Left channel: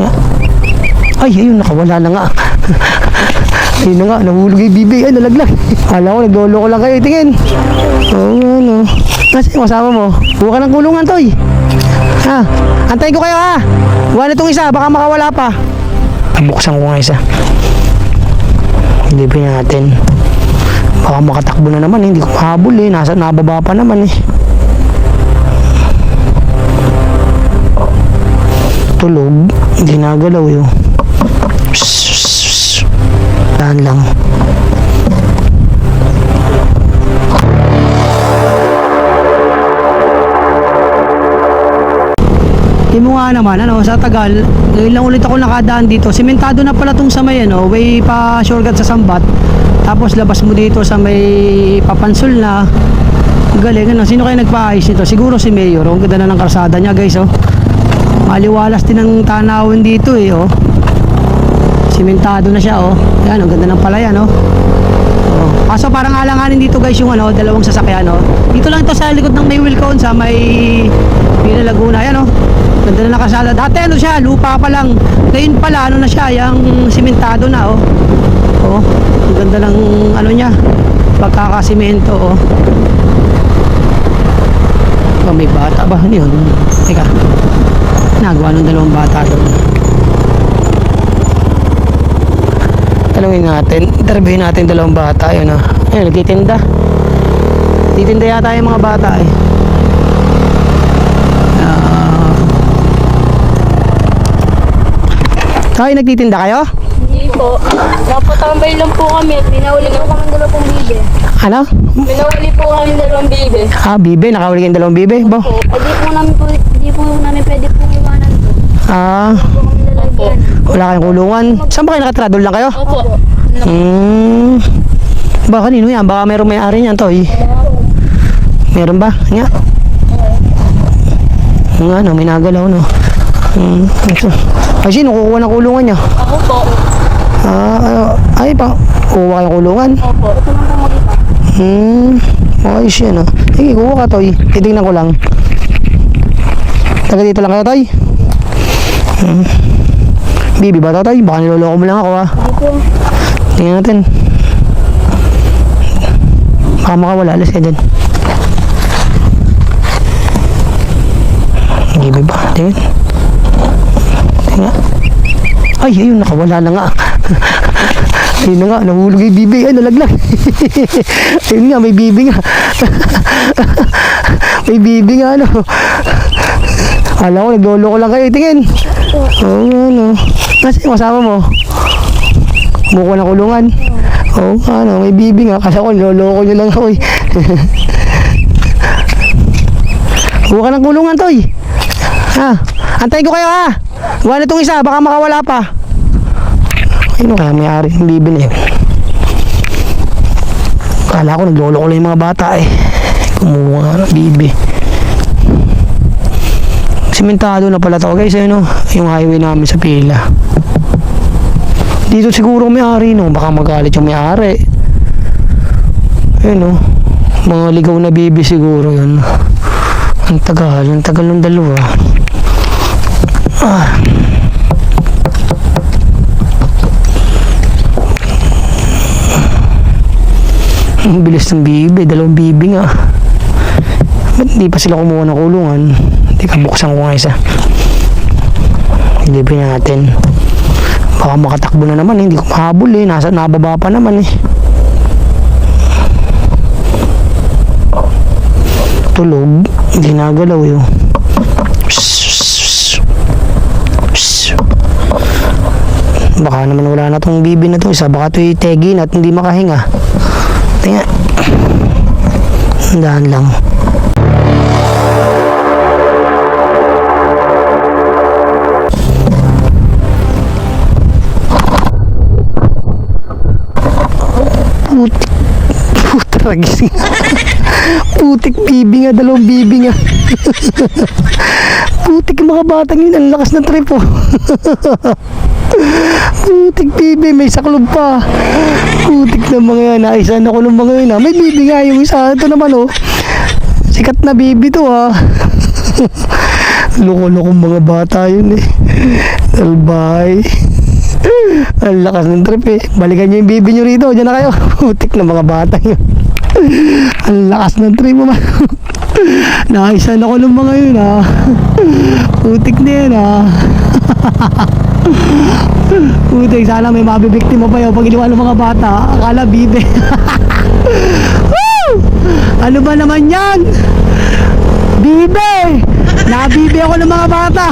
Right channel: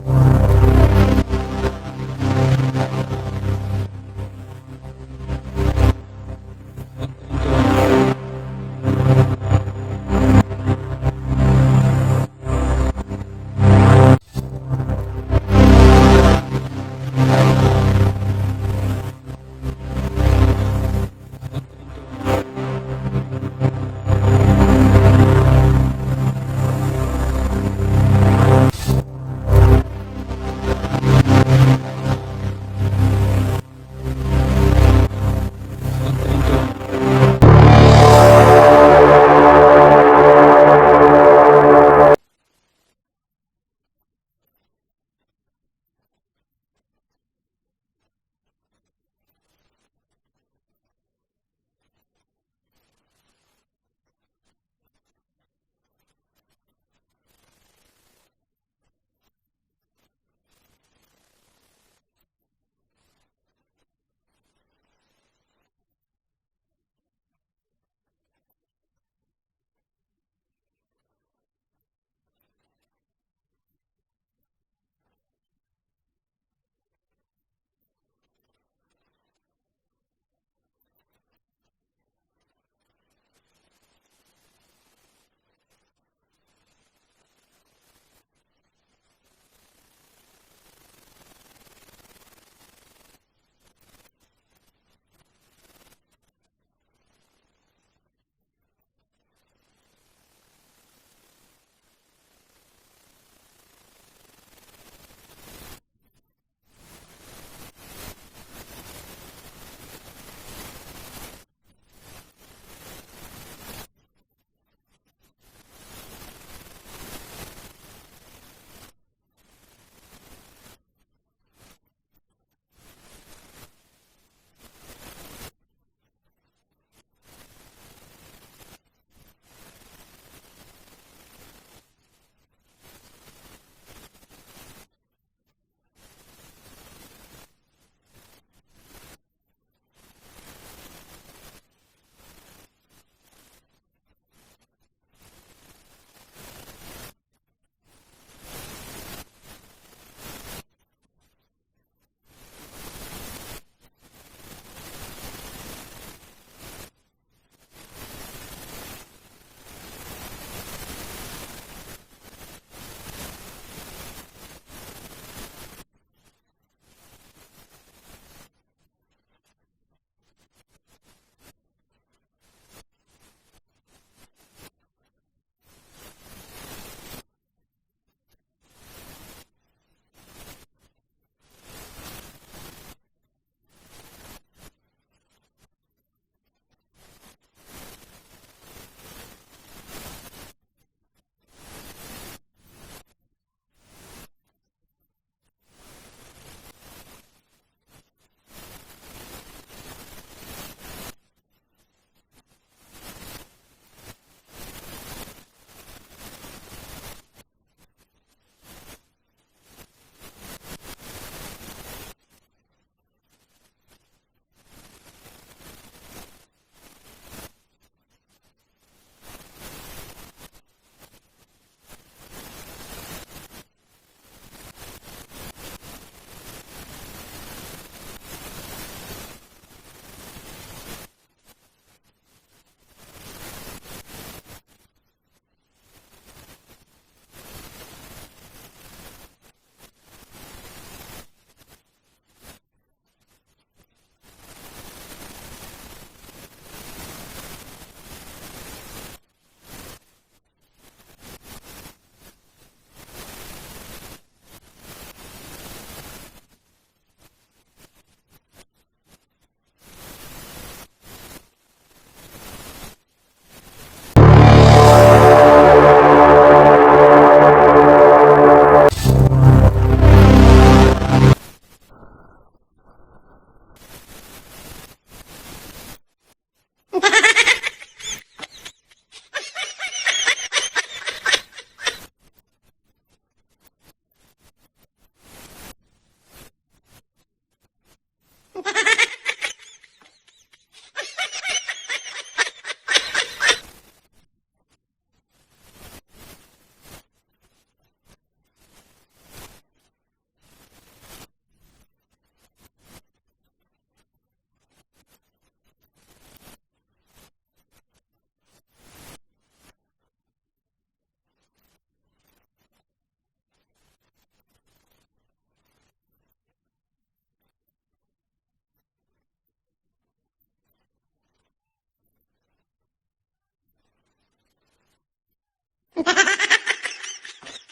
Tingnan. Ay, ayun, nakawala na nga. Ayun na nga, nahulog yung bibi. Ay, nalaglag. Kala ko, naglolo ko lang kayo. Tingin. Oo, ano. Kasi yung kasama mo. Buka ng kulungan, Toy. Ha? Antayin ko kayo, ha? Buwan na itong isa, baka makawala pa. Buksan ko nga isa. Hindi pa natin. Baka makatakbo na naman, hindi ko mahabol eh. Nababa pa naman eh. Tulog. Hindi nagalaw yun. Dahan lang. Di mo nga naman, ano, sa tagal, ngayon lang ulit ako nakadaan dito. Simentado na pala tong sa may, ano, way pa shortcut sa Sambat. Tapos labas mo dito sa may Papansol na. Galing, ano, sino kayo nagpaayos nito? Siguro si Mayor. Ang ganda na ng kalsada niya, guys, oh. Maliwalas din ang tanawin dito, eh, oh. Simentado na siya, oh. Yan, ang ganda ng palayan, oh. Oh. Kaso parang alanganin dito, guys, yung, ano, dalawang sasakyan, oh. Dito lang ito sa likod ng may Wilcon, sa may Pina Laguna, yan, oh. Ganda na nakasala. Dati ano siya, lupa pa lang. Ngayon pala, ano na siya, yung simentado na, oh. Oh, ang ganda ng, ano niya, pagkakasimento, oh. Oh, may bata ba? Ano yun? Teka, nagawa ng dalawang bata doon. Tanungin natin, interviewin natin dalawang bata, yun, oh. Ayun, nagtitinda. Titinda yata yung mga bata, eh. Ay, nagtitinda kayo? Hindi po. Napatambay lang po kami. Pinahuli po kami ng dalawang bibe. Ano? Pinahuli po kami ng dalawang bibe. Ah, bibe. Nakahuli kayong dalawang bibe? Bo? Po. Di po namin pwede pong iwanan to. Ah, Po kami lalagyan. wala kayong kulungan. Saan ba kayo nakatira? Doon lang kayo? Opo. Baka kanino yan? Baka meron may-ari niyan, Toy. Meron ba? Nga? Nga, no? May nagalaw, no? Ito. Ay, sino kukuha ng kulungan niya? Ako po. Ay, pa. Kukuha kayong kulungan? Opo. Ito lang po mag-ipa. Ayos yan, ah. Sige, kuha ka, Toy. Titignan ko lang. Taga dito lang kayo, Toy? Bibi ba ito, Toy? Baka niloloko mo lang ako, ah. Ito. Tingnan natin. Baka makawala. Alas ka dyan. Bibi ba? Tingnan. Tingnan. Ay, ayun, nakawala na nga. Ayun na nga, nahulog yung bibi. Ay, nalaglag. Ayun nga, may bibi nga. May bibi nga, ano. Alam ko, naglolo ko lang kayo. Tingin. Oo, ano. Kasi yung kasama mo. Buko na kulungan. Oo, ano, may bibi nga. Kasi ako, niloloko nyo lang ako, eh. Buka ng kulungan, Toy. Ha? Antayin ko kayo, ha? Gawa na itong isa, baka makawala pa. Ayun, kaya may-ari ng bibi na yun. Kala ko, naglolo ko lang yung mga bata, eh. Kumuha ng bibi. Simentado na pala ito, guys, ayun, yung highway namin sa pila. Dito siguro may-ari, no? Baka magalit yung may-ari. Ayun, mga ligaw na bibi siguro yun. Ang tagal ng dalawa. Ang bilis ng bibi, dalawang bibi nga. Ba't hindi pa sila kumuha ng kulungan? Hindi ka, buksan ko nga isa. Hindi pa natin. Baka makatakbo na naman, hindi ko mahabol eh. Nababa pa naman eh. Tulog, hindi nagalaw yun. Baka naman wala na tong bibi na to isa. Baka ito'y tegin at hindi makahinga. Tingnan. Dahan lang. Putragis nga. Putik bibi nga, dalawang bibi nga. Putik mga batang yun, ang lakas ng trip, oh. Putik bibi, may saklob pa. Putik na mga yan, naisan ako ng mga yun, ha. May bibi nga yung isa, ito naman, oh. Sikat na bibi to, ha. Loko-lokong mga bata yun eh. Salbay. Ang lakas ng trip eh. Balikan nyo yung bibi nyo rito. Diyan na kayo. Putik na mga bata yun. Ang lakas ng trip mo man. Naisan ako ng mga yun ha. Putik na yun ha. Putik, sana may mabibiktima pa yun pag iniwan ng mga bata. Akala bibe. Woo! Ano ba naman yan? Bibe! Nabibe ako ng mga bata.